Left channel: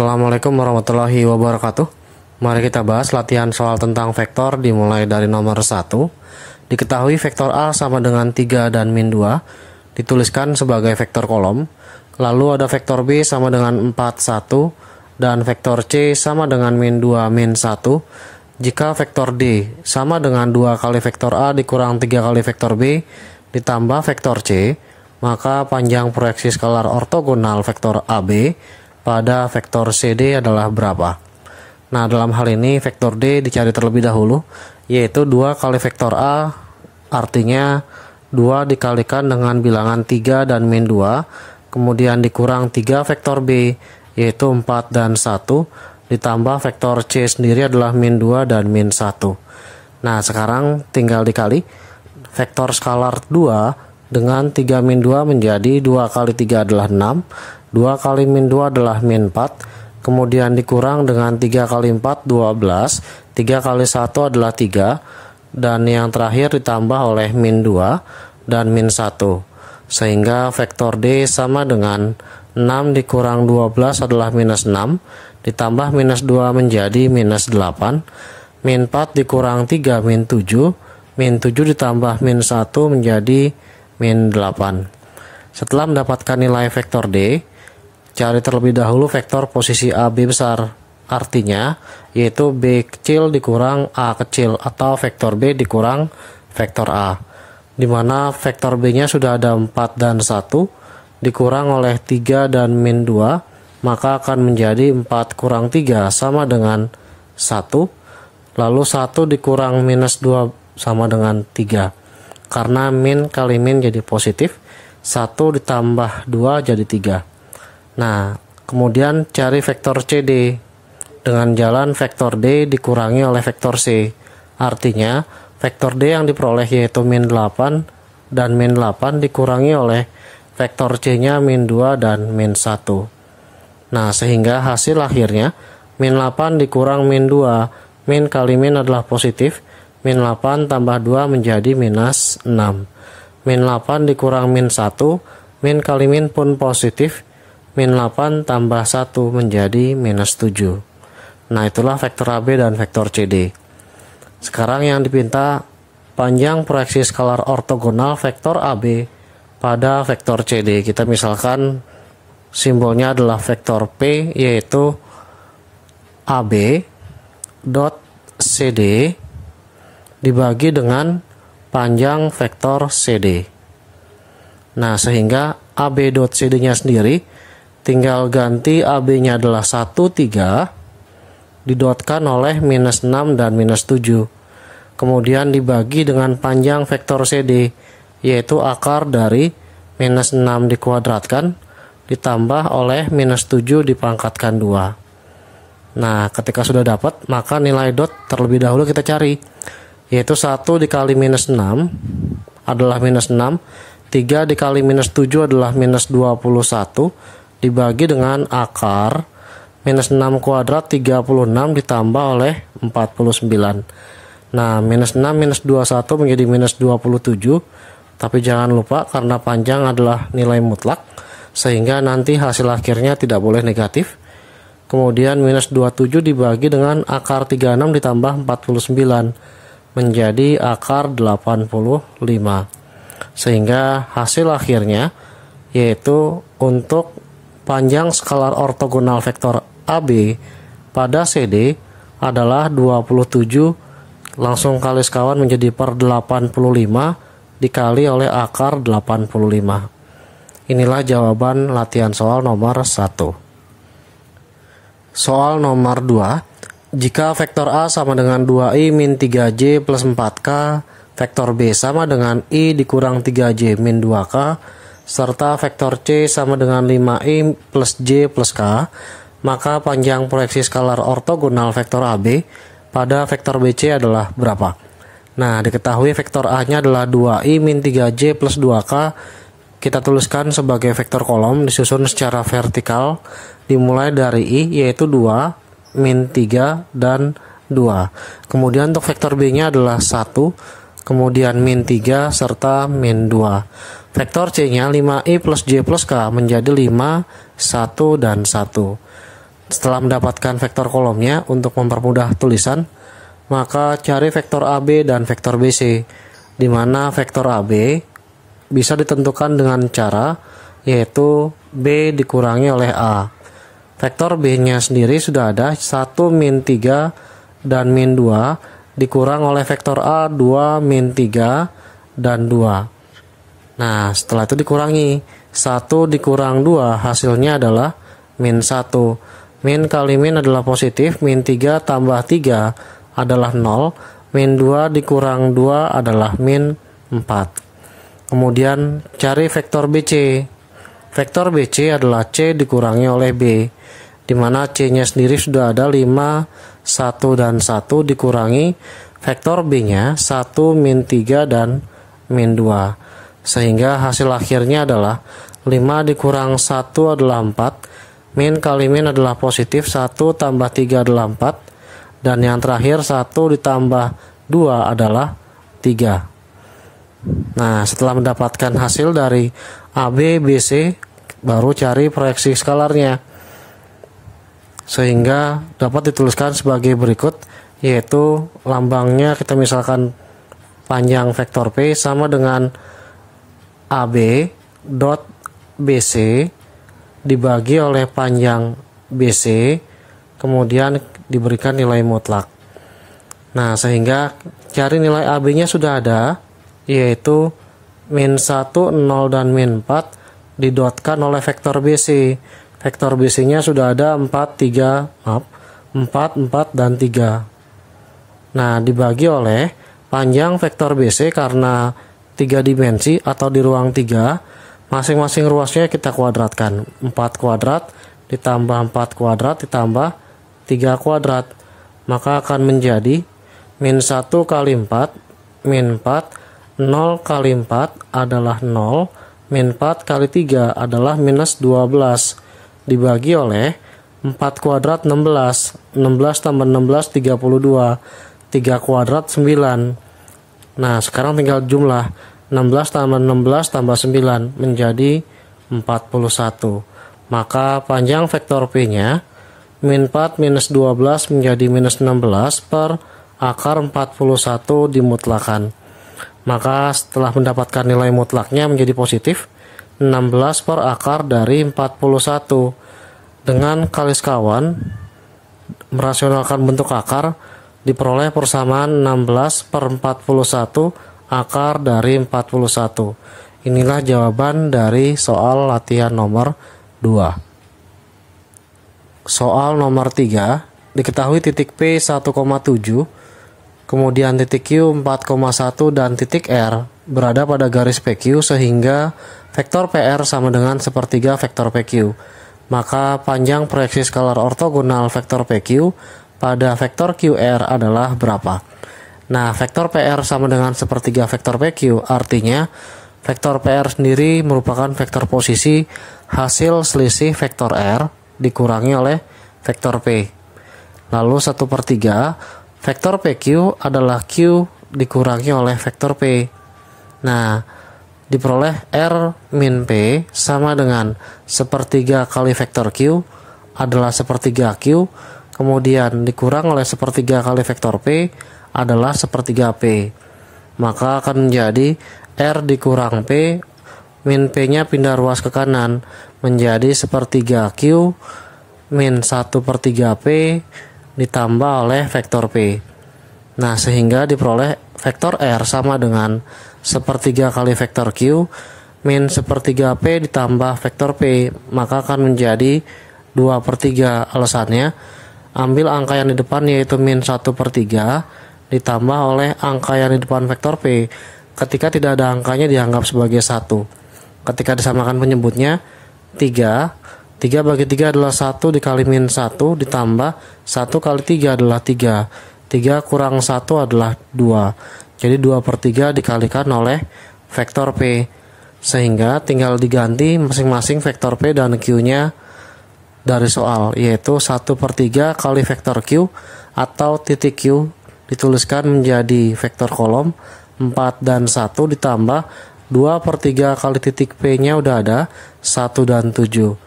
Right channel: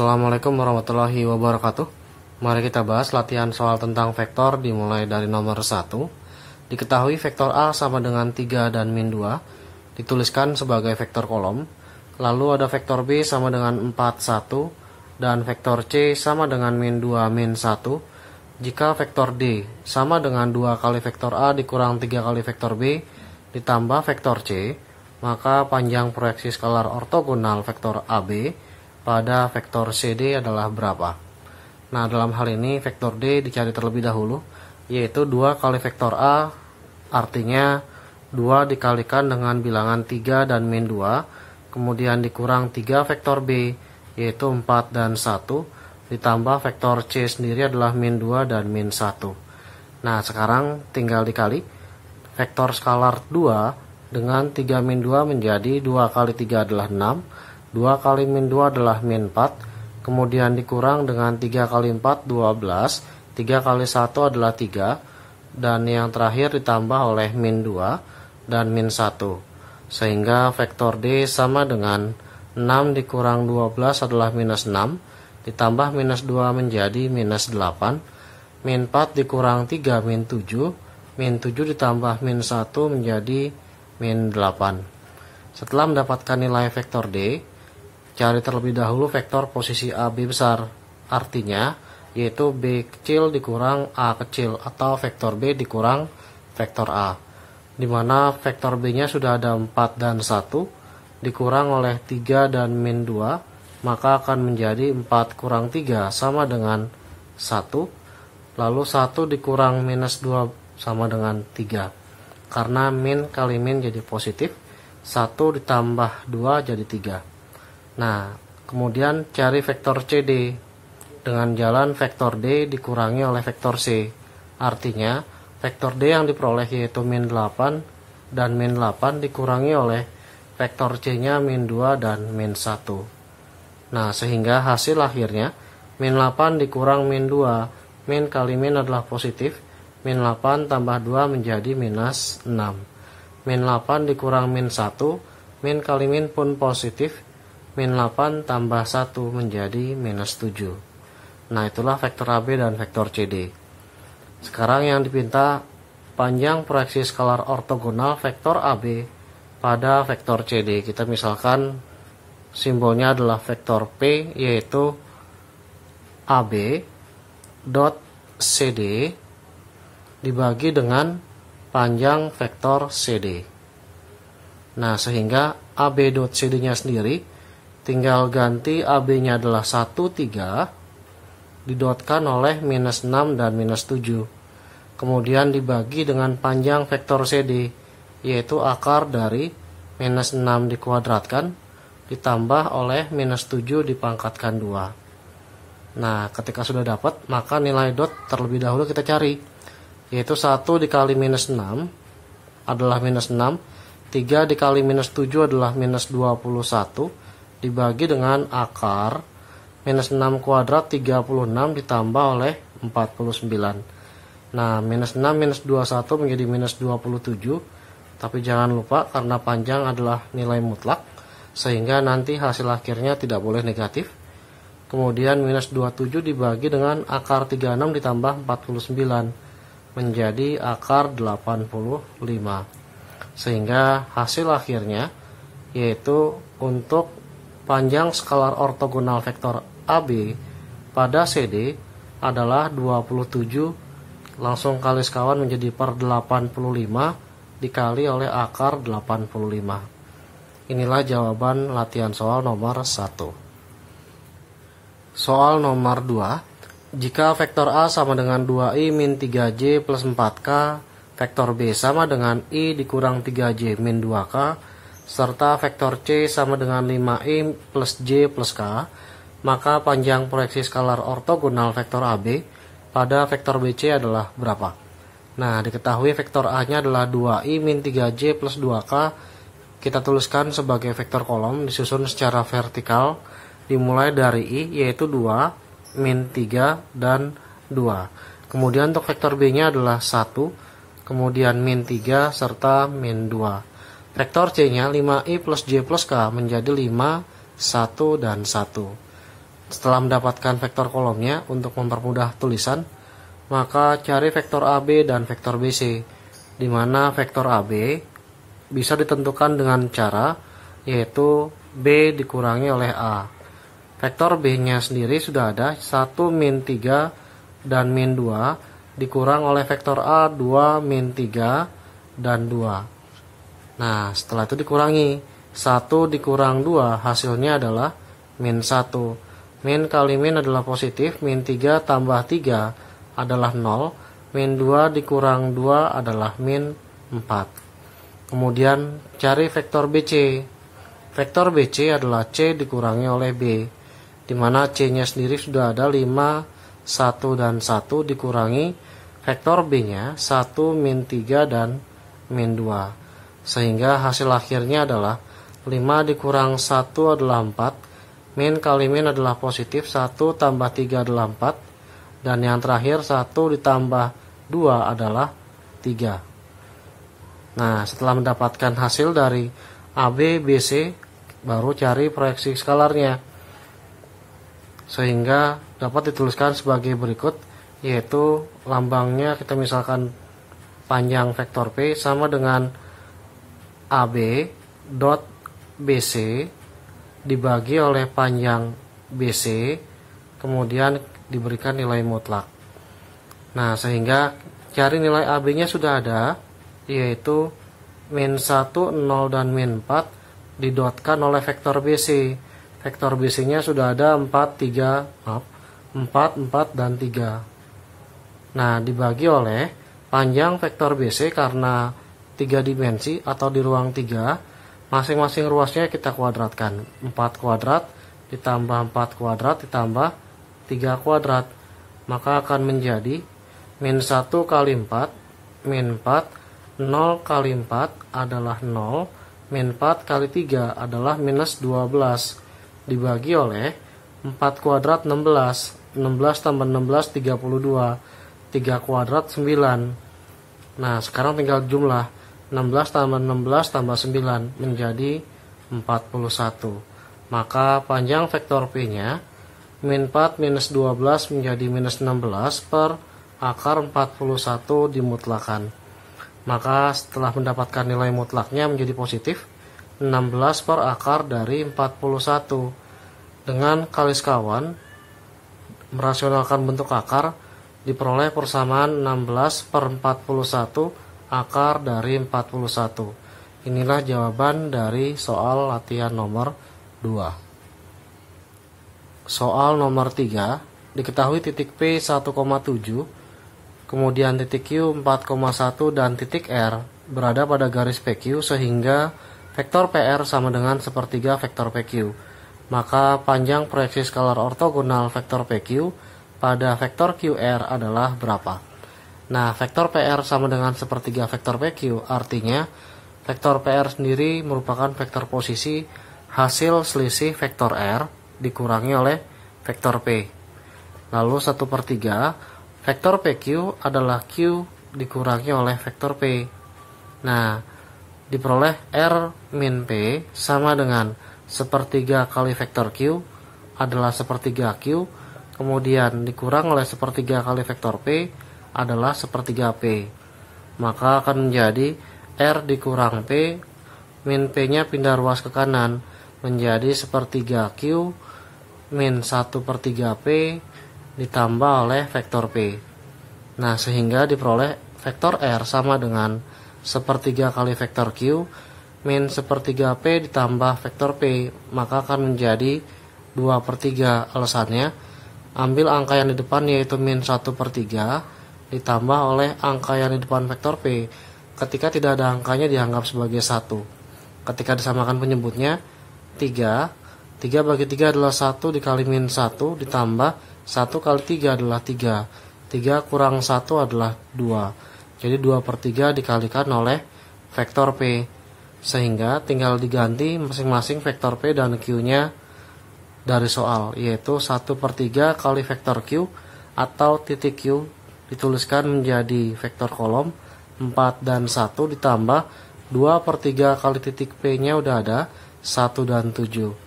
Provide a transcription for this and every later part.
Assalamualaikum warahmatullahi wabarakatuh. Mari kita bahas latihan soal tentang vektor dimulai dari nomor 1. Diketahui vektor A sama dengan 3 dan min 2 dituliskan sebagai vektor kolom. Lalu ada vektor B sama dengan 4, 1 dan vektor C sama dengan min 2, min 1. Jika vektor D sama dengan 2 kali vektor A dikurang 3 kali vektor B ditambah vektor C, maka panjang proyeksi skalar ortogonal vektor AB pada vektor CD adalah berapa? Nah, dalam hal ini vektor D dicari terlebih dahulu, yaitu 2 kali vektor A, artinya 2 dikalikan dengan bilangan 3 dan min 2, kemudian dikurang 3 vektor B, yaitu 4 dan 1, ditambah vektor C sendiri adalah min 2 dan min 1. Nah, sekarang tinggal dikali. Vektor skalar 2 dengan 3 min 2 menjadi 2 kali 3 adalah 6, 2 kali min 2 adalah min 4, kemudian dikurang dengan 3 kali 4, 12, 3 kali 1 adalah 3, dan yang terakhir ditambah oleh min 2 dan min 1. Sehingga vektor D sama dengan 6 dikurang 12 adalah minus 6, ditambah minus 2 menjadi minus 8, min 4 dikurang 3 min 7, min 7 ditambah min 1 menjadi min 8. Setelah mendapatkan nilai vektor D, cari terlebih dahulu vektor posisi AB besar, artinya yaitu B kecil dikurang A kecil atau vektor B dikurang vektor A, di mana vektor B-nya sudah ada 4 dan 1, dikurang oleh 3 dan min 2, maka akan menjadi 4 kurang 3 sama dengan 1, lalu 1 dikurang minus 2 sama dengan 3, karena min kali min jadi positif, 1 ditambah 2 jadi 3. Nah, kemudian cari vektor CD dengan jalan vektor D dikurangi oleh vektor C. Artinya, vektor D yang diperoleh yaitu min 8 dan min 8 dikurangi oleh vektor C-nya min 2 dan min 1. Nah, sehingga hasil akhirnya min 8 dikurang min 2, min kali min adalah positif, min 8 tambah 2 menjadi minus 6. Min 8 dikurang min 1, min kali min pun positif, min 8 tambah 1 menjadi minus 7. Nah, itulah vektor AB dan vektor CD. Sekarang yang dipinta panjang proyeksi skalar ortogonal vektor AB pada vektor CD. Kita misalkan simbolnya adalah vektor P, yaitu AB dot CD dibagi dengan panjang vektor CD. Nah, sehingga AB dot CD-nya sendiri tinggal ganti AB-nya adalah 1, 3 didotkan oleh minus 6 dan minus 7, kemudian dibagi dengan panjang vektor CD, yaitu akar dari minus 6 dikuadratkan ditambah oleh minus 7 dipangkatkan 2. Nah, ketika sudah dapat, maka nilai dot terlebih dahulu kita cari, yaitu 1 dikali minus 6 adalah minus 6, 3 dikali minus 7 adalah minus 21, dibagi dengan akar minus 6 kuadrat 36 ditambah oleh 49. Nah, minus 6 minus 21 menjadi minus 27, tapi jangan lupa karena panjang adalah nilai mutlak, sehingga nanti hasil akhirnya tidak boleh negatif. Kemudian minus 27 dibagi dengan akar 36 ditambah 49 menjadi akar 85, sehingga hasil akhirnya yaitu untuk panjang skalar ortogonal vektor AB pada CD adalah 27, langsung kali sekawan menjadi per 85 dikali oleh akar 85. Inilah jawaban latihan soal nomor 1. Soal nomor 2. Jika vektor A sama dengan 2i min 3j plus 4k, vektor B sama dengan i dikurang 3j min 2k, serta vektor C sama dengan 5i plus J plus K, maka panjang proyeksi skalar ortogonal vektor AB pada vektor BC adalah berapa? Nah, diketahui vektor A-nya adalah 2i min 3J plus 2K, kita tuliskan sebagai vektor kolom disusun secara vertikal dimulai dari I, yaitu 2, min 3, dan 2. Kemudian untuk vektor B-nya adalah 1, kemudian min 3, serta min 2. Vektor C-nya 5i plus J plus K menjadi 5, 1, dan 1. Setelah mendapatkan vektor kolomnya, untuk mempermudah tulisan, maka cari vektor AB dan vektor BC, di mana vektor AB bisa ditentukan dengan cara yaitu B dikurangi oleh A. Vektor B-nya sendiri sudah ada 1 min 3 dan min 2 dikurang oleh vektor A 2 min 3 dan 2. Nah, setelah itu dikurangi 1 dikurang 2 hasilnya adalah min 1. Min kali min adalah positif, min 3 tambah 3 adalah 0, min 2 dikurang 2 adalah min 4. Kemudian cari vektor BC. Vektor BC adalah C dikurangi oleh B, di mana C-nya sendiri sudah ada 5, 1 dan 1 dikurangi vektor B-nya 1 min 3 dan min 2. Sehingga hasil akhirnya adalah 5 dikurang 1 adalah 4, min kali min adalah positif, 1 tambah 3 adalah 4, dan yang terakhir 1 ditambah 2 adalah 3. Nah, setelah mendapatkan hasil dari AB, BC, baru cari proyeksi skalarnya, sehingga dapat dituliskan sebagai berikut, yaitu lambangnya kita misalkan panjang vektor P sama dengan AB dot BC dibagi oleh panjang BC, kemudian diberikan nilai mutlak. Nah, sehingga cari nilai AB-nya sudah ada, yaitu min 1, 0, dan min 4 didotkan oleh vektor BC. Vektor BC-nya sudah ada 4, 4, dan 3. Nah, dibagi oleh panjang vektor BC karena 3 dimensi atau di ruang 3, masing-masing ruasnya kita kuadratkan. 4 kuadrat ditambah 4 kuadrat ditambah 3 kuadrat. Maka akan menjadi min 1 kali 4, min 4, 0 kali 4 adalah 0, min 4 kali 3 adalah minus 12. Dibagi oleh 4 kuadrat 16, 16 tambah 16 32, 3 kuadrat 9. Nah, sekarang tinggal jumlah 16 tambah 16 tambah 9 menjadi 41. Maka panjang vektor P-nya min 4 minus 12 menjadi minus 16 per akar 41 dimutlakan. Maka setelah mendapatkan nilai mutlaknya menjadi positif, 16 per akar dari 41. Dengan kalis kawan merasionalkan bentuk akar, diperoleh persamaan 16 per 41 akar dari 41. Inilah jawaban dari soal latihan nomor 2. Soal nomor 3, diketahui titik P 1,7, kemudian titik Q 4,1 dan titik R berada pada garis PQ sehingga vektor PR sama dengan sepertiga vektor PQ. Maka panjang proyeksi skalar ortogonal vektor PQ pada vektor QR adalah berapa? Nah, vektor PR sama dengan sepertiga vektor PQ, artinya vektor PR sendiri merupakan vektor posisi hasil selisih vektor R dikurangi oleh vektor P. Lalu 1/3 vektor PQ adalah Q dikurangi oleh vektor P. Nah, diperoleh R min P sama dengan sepertiga kali vektor Q adalah sepertiga Q, kemudian dikurang oleh sepertiga kali vektor P adalah sepertiga P. Maka akan menjadi R dikurang P, min P-nya pindah ruas ke kanan menjadi sepertiga Q min 1/3 P ditambah oleh vektor P. Nah, sehingga diperoleh vektor R sama dengan sepertiga kali vektor Q min sepertiga P ditambah vektor P, maka akan menjadi 2/3. Alasannya, ambil angka yang di depan yaitu min 1/3 ditambah oleh angka yang di depan vektor P. Ketika tidak ada angkanya dianggap sebagai 1. Ketika disamakan penyebutnya 3, 3 bagi 3 adalah 1 dikali min 1 ditambah 1 kali 3 adalah 3. 3 kurang 1 adalah 2. Jadi 2/3 dikalikan oleh vektor P. Sehingga tinggal diganti masing-masing vektor P dan Q-nya dari soal, yaitu 1/3 kali vektor Q atau titik Q dituliskan menjadi vektor kolom 4 dan 1 ditambah 2/3 kali titik P-nya udah ada 1 dan 7.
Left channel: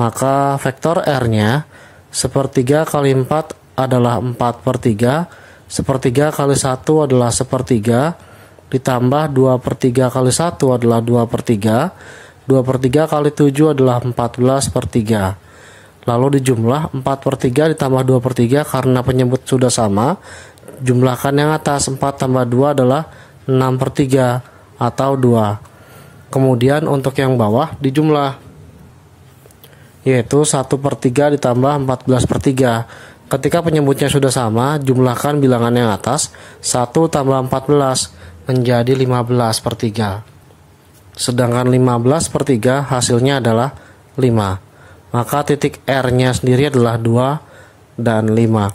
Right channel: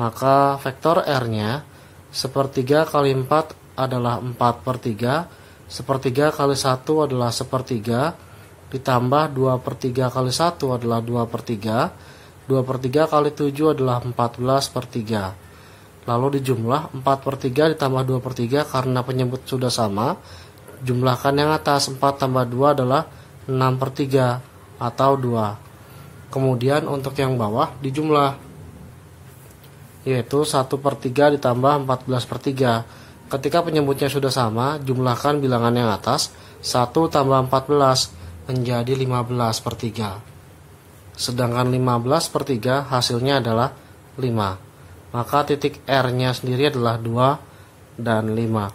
Maka vektor R-nya Sepertiga kali 4 adalah 4/3. Sepertiga kali 1 adalah sepertiga. Ditambah 2/3 kali 1 adalah 2/3. 2/3 kali 7 adalah 14/3. Lalu dijumlah 4/3 ditambah 2/3 karena penyebut sudah sama. Jumlahkan yang atas, 4 tambah 2 adalah 6/3 atau 2. Kemudian untuk yang bawah dijumlah, yaitu 1/3 ditambah 14/3. Ketika penyebutnya sudah sama, jumlahkan bilangan yang atas, 1 tambah 14 menjadi 15/3. Sedangkan 15/3 hasilnya adalah 5. Maka titik R-nya sendiri adalah 2 dan 5.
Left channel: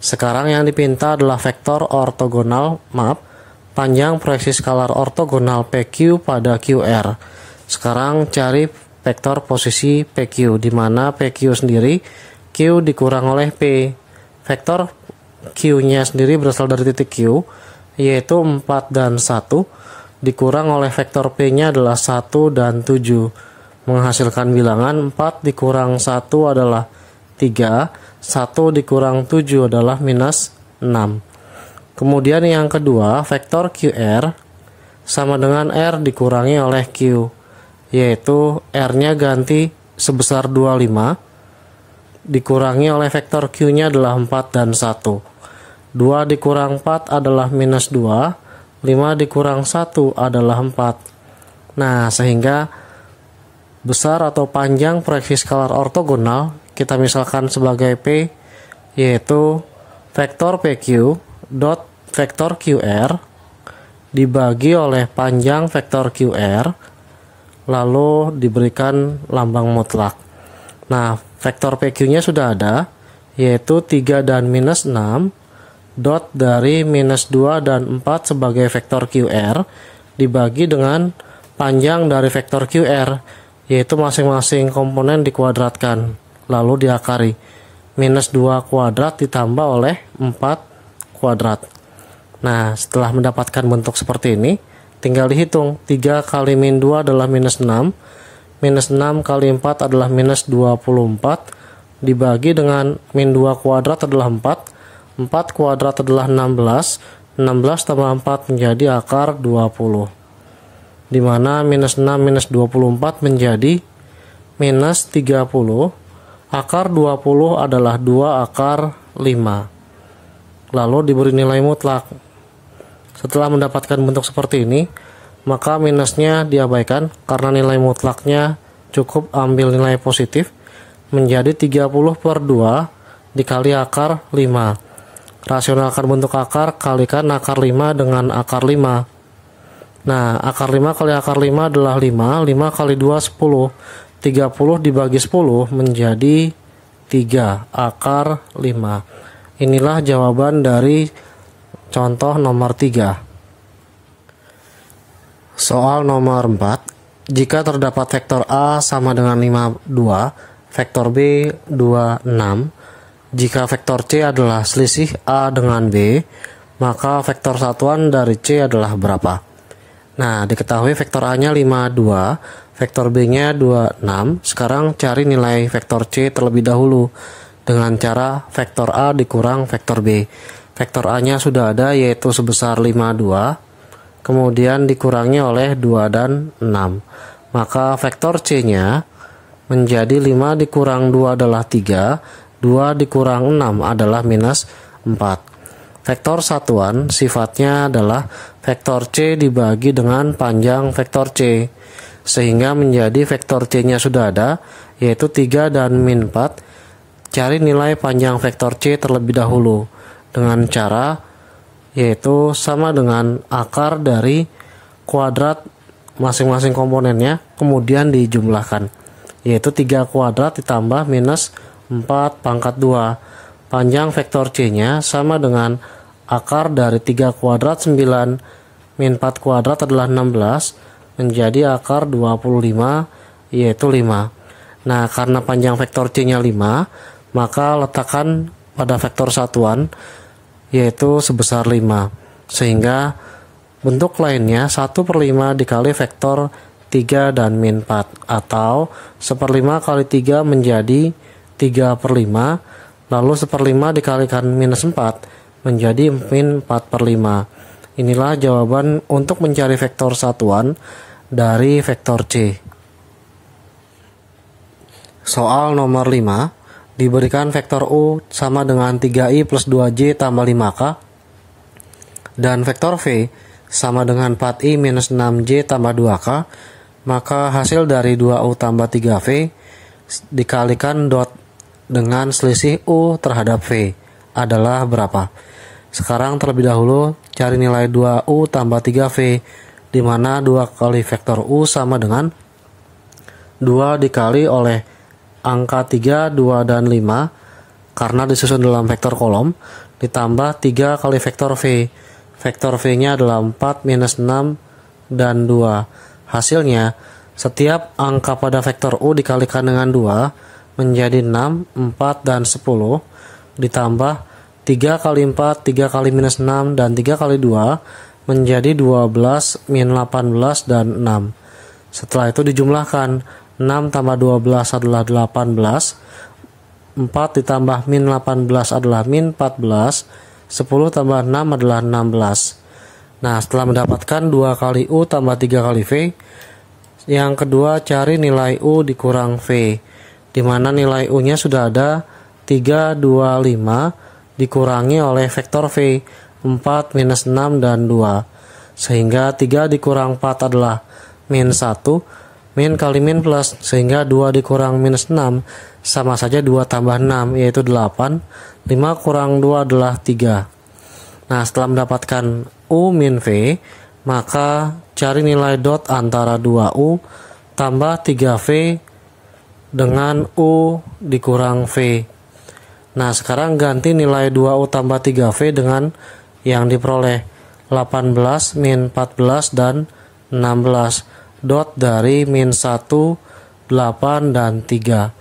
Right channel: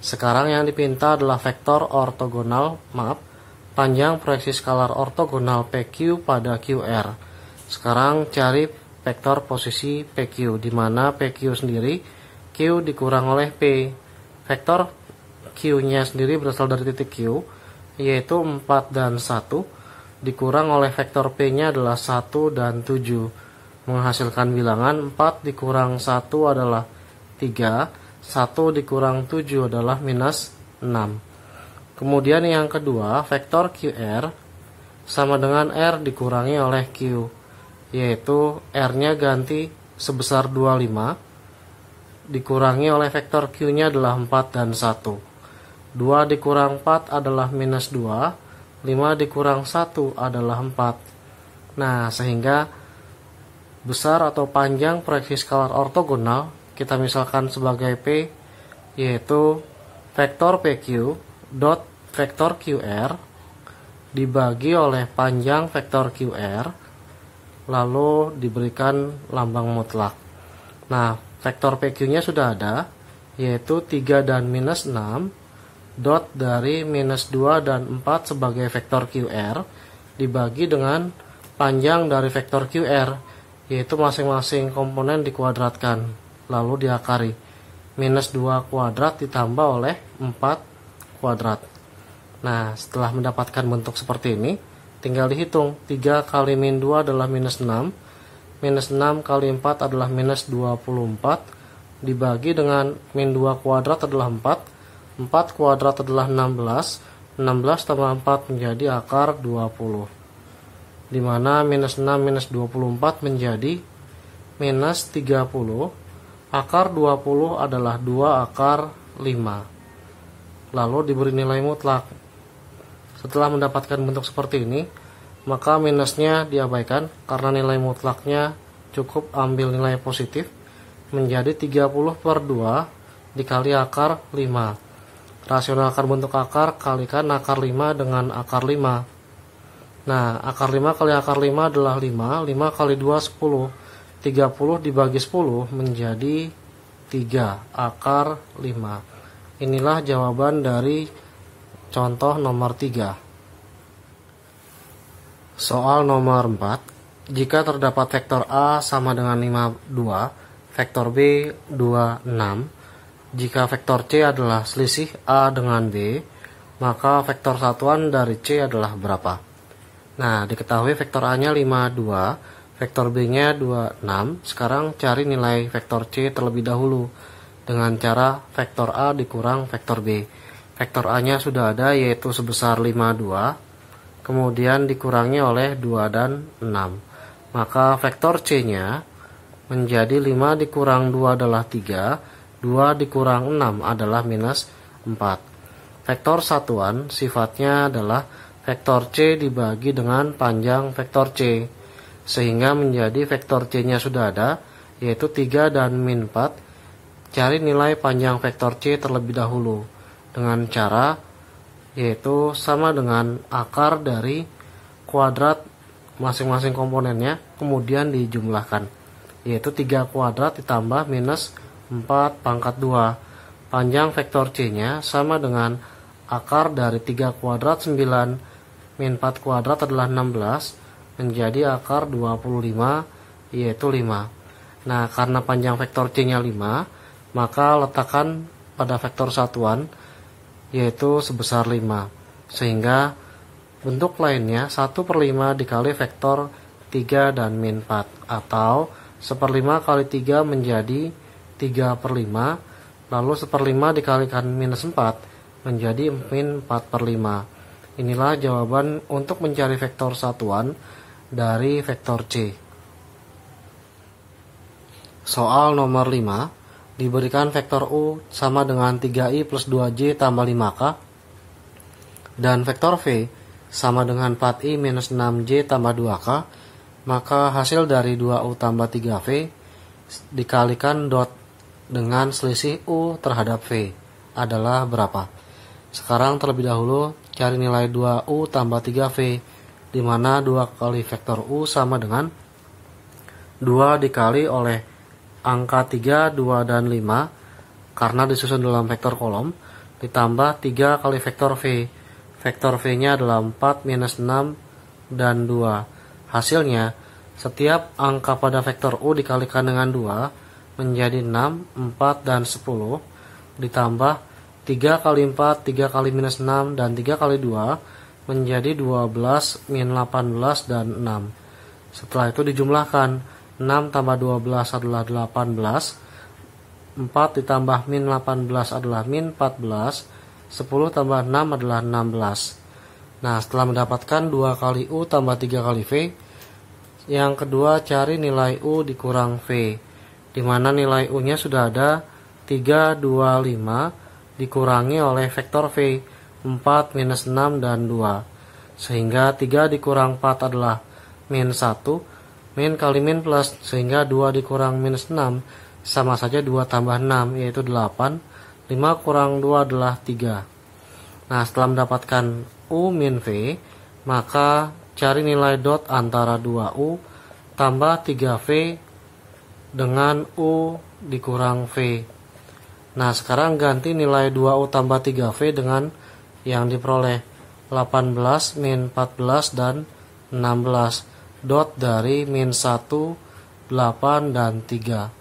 Sekarang yang dipinta adalah vektor ortogonal, panjang proyeksi skalar ortogonal PQ pada QR. Sekarang cari vektor posisi PQ, di mana PQ sendiri Q dikurang oleh P. Vektor Q-nya sendiri berasal dari titik Q, yaitu 4 dan 1, dikurang oleh vektor P-nya adalah 1 dan 7. Menghasilkan bilangan 4 dikurang 1 adalah 3, 1 dikurang 7 adalah -6. Kemudian yang kedua, vektor QR sama dengan R dikurangi oleh Q, yaitu R-nya ganti sebesar 25, dikurangi oleh vektor Q-nya adalah 4 dan 1. 2 dikurang 4 adalah -2, 5 dikurang 1 adalah 4. Nah, sehingga besar atau panjang proyeksi skalar ortogonal kita misalkan sebagai P, yaitu vektor PQ dot vektor QR dibagi oleh panjang vektor QR, lalu diberikan lambang mutlak. Nah, vektor PQ-nya sudah ada, yaitu 3 dan -6, dot dari -2 dan 4 sebagai vektor QR dibagi dengan panjang dari vektor QR, yaitu masing-masing komponen dikuadratkan, lalu diakari. -2 kuadrat ditambah oleh 4 kuadrat. Nah, setelah mendapatkan bentuk seperti ini, tinggal dihitung. 3 kali -2 adalah -6, -6 kali 4 adalah -24, dibagi dengan -2 kuadrat adalah 4, 4 kuadrat adalah 16, 16 tambah 4 menjadi akar 20. Di mana -6 -24 menjadi -30, akar 20 adalah 2 akar 5. Lalu diberi nilai mutlak. Setelah mendapatkan bentuk seperti ini, maka minusnya diabaikan karena nilai mutlaknya cukup ambil nilai positif, menjadi 30/2 dikali akar 5. Rasionalkan bentuk akar, kalikan akar 5 dengan akar 5. Nah, akar 5 kali akar 5 adalah 5, 5 kali 2 10, 30 dibagi 10 menjadi 3 akar 5. Inilah jawaban dari contoh nomor 3. Soal nomor 4. Jika terdapat vektor A sama dengan 52, vektor B 26, jika vektor C adalah selisih A dengan B, maka vektor satuan dari C adalah berapa? Nah, diketahui vektor A-nya 52, vektor B-nya 26. Sekarang cari nilai vektor C terlebih dahulu dengan cara vektor A dikurang vektor B. Vektor A-nya sudah ada, yaitu sebesar 52, kemudian dikurangi oleh 2 dan 6. Maka vektor C-nya menjadi 5 dikurang 2 adalah 3, 2 dikurang 6 adalah -4. Vektor satuan sifatnya adalah vektor C dibagi dengan panjang vektor C, sehingga menjadi vektor C-nya sudah ada, yaitu 3 dan -4. Cari nilai panjang vektor C terlebih dahulu dengan cara yaitu sama dengan akar dari kuadrat masing-masing komponennya, kemudian dijumlahkan, yaitu 3 kuadrat ditambah -4 pangkat 2. Panjang vektor C-nya sama dengan akar dari 3 kuadrat 9 min 4 kuadrat adalah 16 menjadi akar 25, yaitu 5. Nah, karena panjang vektor C-nya 5, maka letakkan pada vektor satuan yaitu sebesar 5, sehingga bentuk lainnya 1/5 dikali vektor 3 dan -4, atau 1/5 kali 3 menjadi 3/5, lalu 1/5 dikalikan minus 4 menjadi min 4/5. Inilah jawaban untuk mencari vektor satuan dari vektor C. Soal nomor 5, diberikan vektor U sama dengan 3i plus 2j tambah 5k dan vektor V sama dengan 4i minus 6j tambah 2k, maka hasil dari 2u tambah 3v dikalikan dot dengan selisih U terhadap V adalah berapa? Sekarang terlebih dahulu cari nilai 2u tambah 3v, di mana 2 kali vektor U sama dengan 2 dikali oleh angka 3, 2, dan 5 karena disusun dalam vektor kolom, ditambah 3 kali vektor V. Vektor V-nya adalah 4, minus 6, dan 2. Hasilnya, setiap angka pada vektor U dikalikan dengan 2 menjadi 6, 4, dan 10, ditambah 3 kali 4, 3 kali minus 6, dan 3 kali 2 menjadi 12, min 18, dan 6. Setelah itu dijumlahkan, 6 tambah 12 adalah 18, 4 ditambah min 18 adalah min 14, 10 tambah 6 adalah 16. Nah, setelah mendapatkan 2 kali U tambah 3 kali V, yang kedua cari nilai U dikurang V, di mana nilai U-nya sudah ada 3, 2, 5, dikurangi oleh vektor V 4, minus 6, dan 2, sehingga 3 dikurang 4 adalah min 1, min kali min plus, sehingga 2 dikurang minus 6 sama saja 2 tambah 6 yaitu 8, 5 kurang 2 adalah 3. Nah, setelah mendapatkan U min V, maka cari nilai dot antara 2U tambah 3V dengan U dikurang V. Nah, sekarang ganti nilai 2U tambah 3V dengan yang diperoleh 18, min 14, dan 16. Dot dari min 1, 8, dan 3.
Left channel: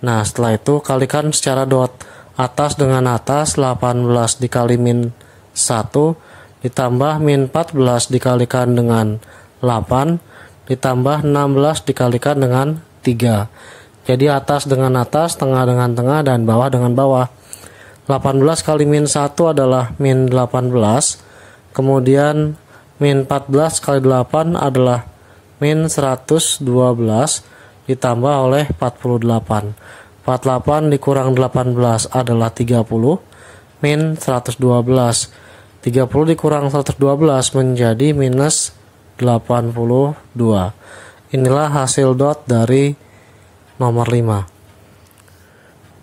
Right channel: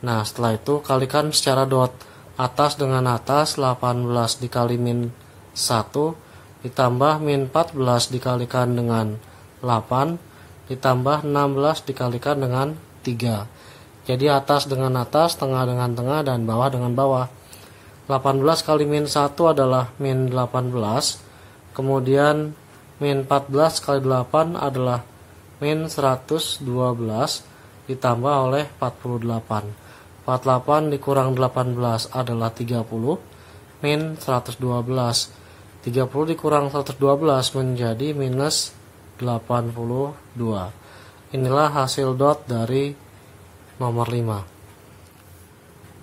Nah, setelah itu kalikan secara dot. Atas dengan atas, 18 dikali min 1, ditambah min 14 dikalikan dengan 8, ditambah 16 dikalikan dengan 3. Jadi atas dengan atas, tengah dengan tengah, dan bawah dengan bawah. 18 kali min 1 adalah min 18. Kemudian min 14 kali 8 adalah min 112 ditambah oleh 48. 48 dikurang 18 adalah 30, min 112. 30 dikurang 112 menjadi minus 82. Inilah hasil dot dari nomor 5.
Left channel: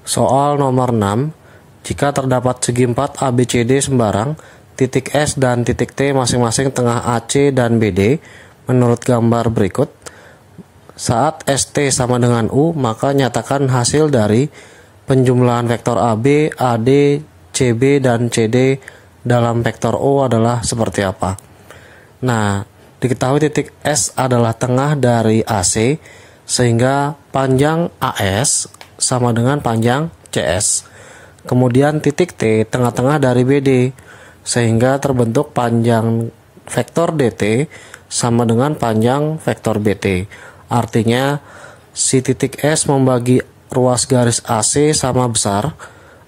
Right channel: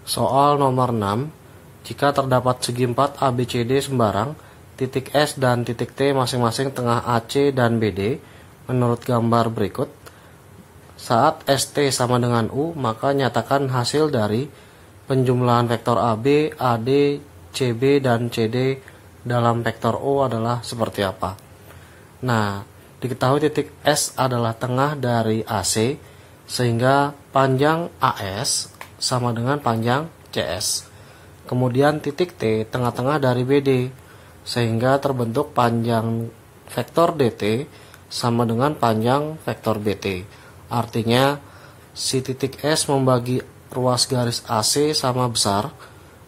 Soal nomor 6. Jika terdapat segi 4 ABCD sembarang, titik S dan titik T masing-masing tengah AC dan BD menurut gambar berikut. Saat ST sama dengan U, maka nyatakan hasil dari penjumlahan vektor AB, AD, CB, dan CD dalam vektor O adalah seperti apa. Nah, diketahui titik S adalah tengah dari AC, sehingga panjang AS sama dengan panjang CS. Kemudian titik T tengah-tengah dari BD, sehingga terbentuk panjang vektor DT sama dengan panjang vektor BT. Artinya, si titik S membagi ruas garis AC sama besar,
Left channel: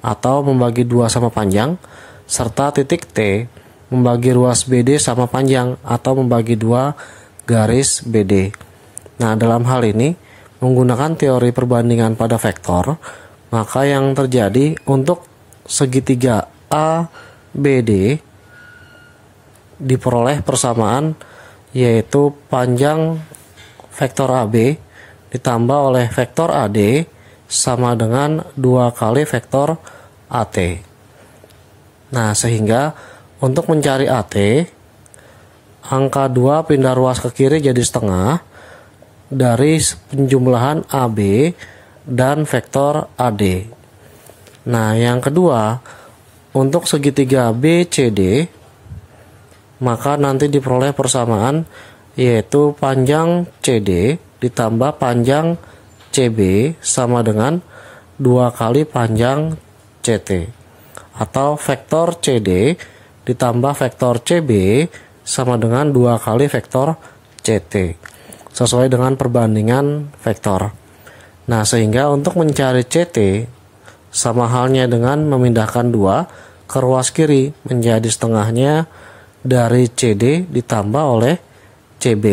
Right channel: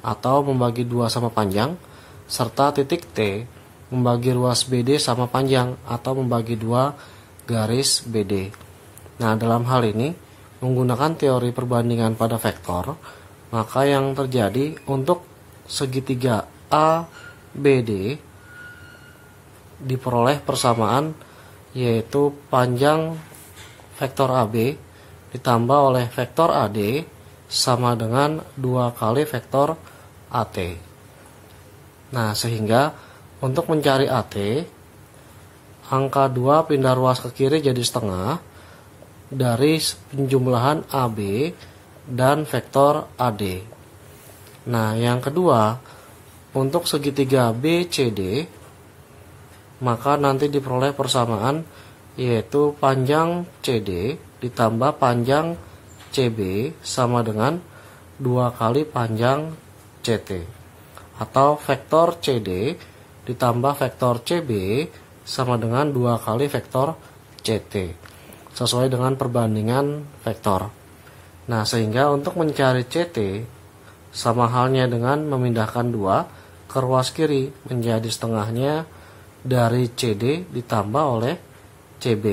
atau membagi 2 sama panjang, serta titik T membagi ruas BD sama panjang, atau membagi 2 garis BD. Nah, dalam hal ini, menggunakan teori perbandingan pada vektor, maka yang terjadi untuk segitiga ABD diperoleh persamaan, yaitu panjang vektor AB ditambah oleh vektor AD sama dengan 2 kali vektor AT. Nah, sehingga untuk mencari AT, angka 2 pindah ruas ke kiri jadi setengah dari penjumlahan AB dan vektor AD. Nah, yang kedua, untuk segitiga BCD, maka nanti diperoleh persamaan, yaitu panjang CD ditambah panjang CB sama dengan 2 kali panjang CT. Atau vektor CD ditambah vektor CB sama dengan 2 kali vektor CT. Sesuai dengan perbandingan vektor. Nah, sehingga untuk mencari CT sama halnya dengan memindahkan 2 ke ruas kiri menjadi setengahnya dari CD ditambah oleh CB.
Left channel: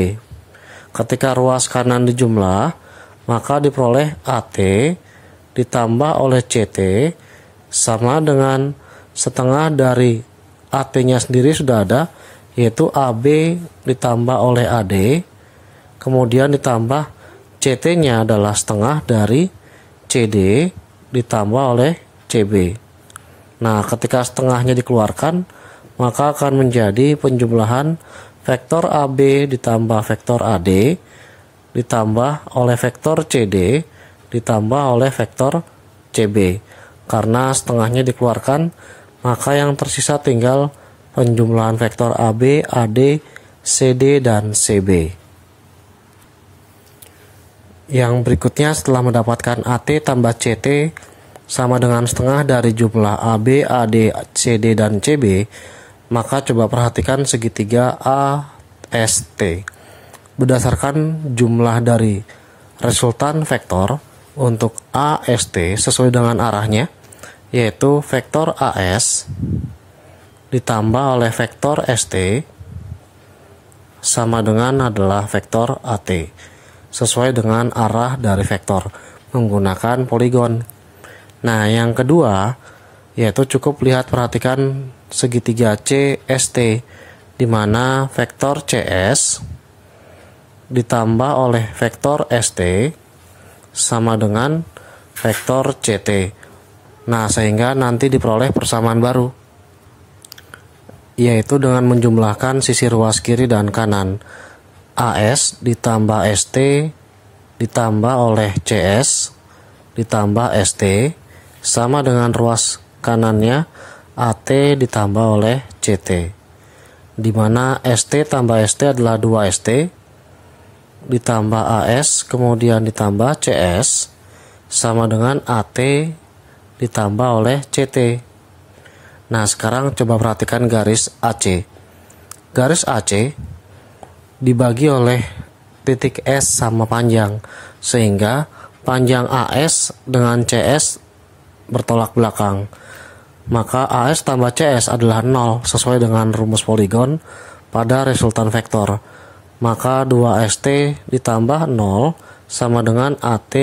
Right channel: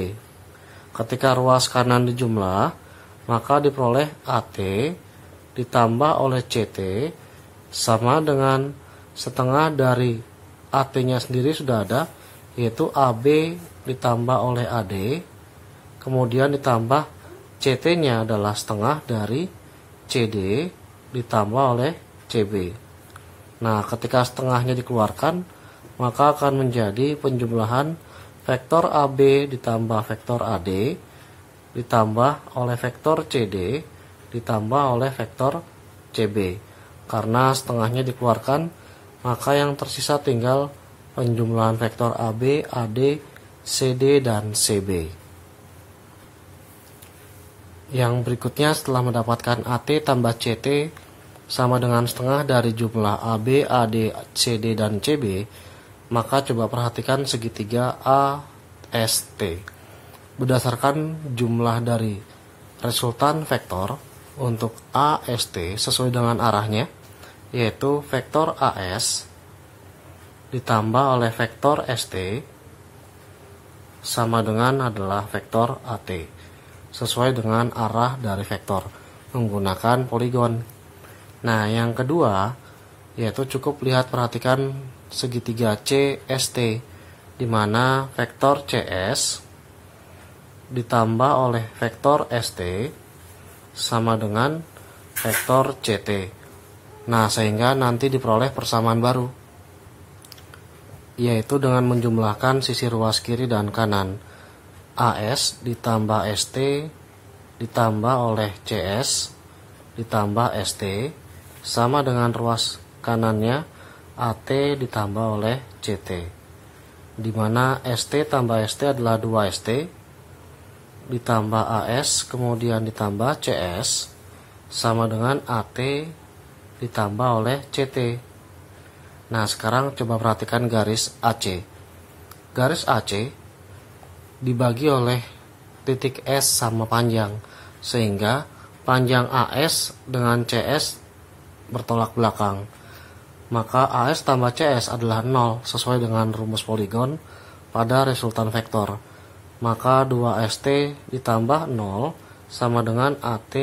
Ketika ruas kanan dijumlah, maka diperoleh AT ditambah oleh CT sama dengan setengah dari AT-nya sendiri sudah ada, yaitu AB ditambah oleh AD, kemudian ditambah CT-nya adalah setengah dari CD ditambah oleh CB. Nah, ketika setengahnya dikeluarkan, maka akan menjadi penjumlahan vektor AB ditambah vektor AD ditambah oleh vektor CD ditambah oleh vektor CB. Karena setengahnya dikeluarkan, maka yang tersisa tinggal penjumlahan vektor AB, AD, CD, dan CB. Yang berikutnya, setelah mendapatkan AT tambah CT sama dengan setengah dari jumlah AB, AD, CD, dan CB, maka coba perhatikan segitiga AST. Berdasarkan jumlah dari resultan vektor untuk AST sesuai dengan arahnya, yaitu vektor AS ditambah oleh vektor ST sama dengan adalah vektor AT sesuai dengan arah dari vektor menggunakan poligon. Nah, yang kedua yaitu cukup perhatikan segitiga CST, di mana vektor CS ditambah oleh vektor ST sama dengan vektor CT. Nah, sehingga nanti diperoleh persamaan baru, yaitu dengan menjumlahkan sisi ruas kiri dan kanan. AS ditambah ST ditambah oleh CS ditambah ST sama dengan ruas kanannya AT ditambah oleh CT, di mana ST tambah ST adalah 2ST ditambah AS kemudian ditambah CS sama dengan AT ditambah oleh CT. Nah, sekarang coba perhatikan garis AC. Garis AC dibagi oleh titik S sama panjang, sehingga panjang AS dengan CS bertolak belakang. Maka AS tambah CS adalah 0 sesuai dengan rumus poligon pada resultan vektor. Maka 2ST ditambah 0 sama dengan AT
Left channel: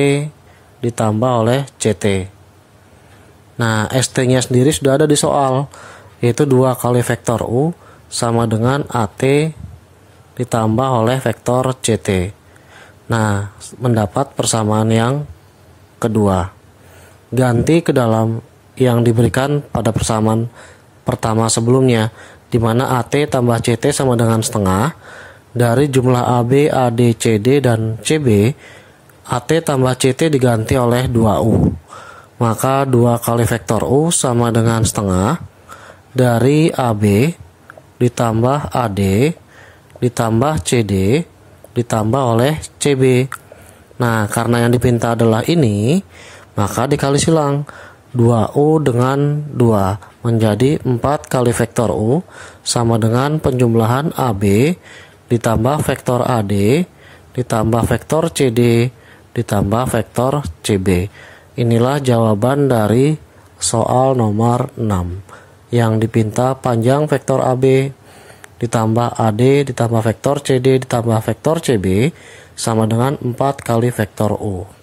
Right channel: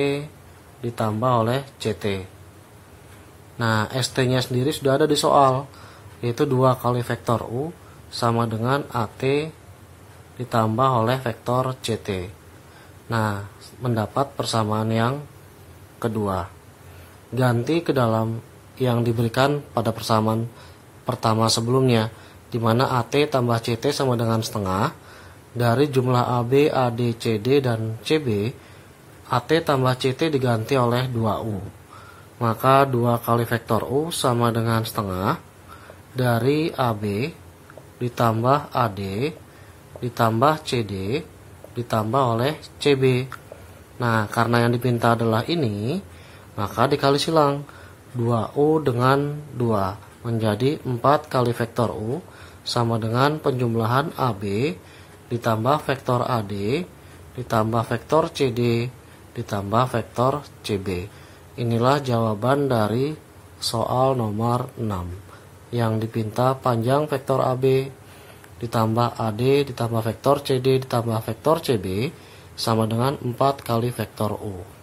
ditambah oleh CT. Nah, ST-nya sendiri sudah ada di soal, yaitu 2 kali vektor U sama dengan AT ditambah oleh vektor CT. Nah, mendapat persamaan yang kedua. Ganti ke dalam yang diberikan pada persamaan pertama sebelumnya, di mana AT tambah CT sama dengan setengah dari jumlah AB, AD, CD, dan CB. AT tambah CT diganti oleh 2U. Maka 2 kali vektor U sama dengan setengah dari AB ditambah AD ditambah CD ditambah oleh CB. Nah, karena yang dipinta adalah ini, maka dikali silang 2U dengan 2 menjadi 4 kali vektor U sama dengan penjumlahan AB ditambah vektor AD ditambah vektor CD ditambah vektor CB. Inilah jawaban dari soal nomor 6 yang dipinta panjang vektor AB ditambah AD ditambah vektor CD ditambah vektor CB sama dengan 4 kali vektor U.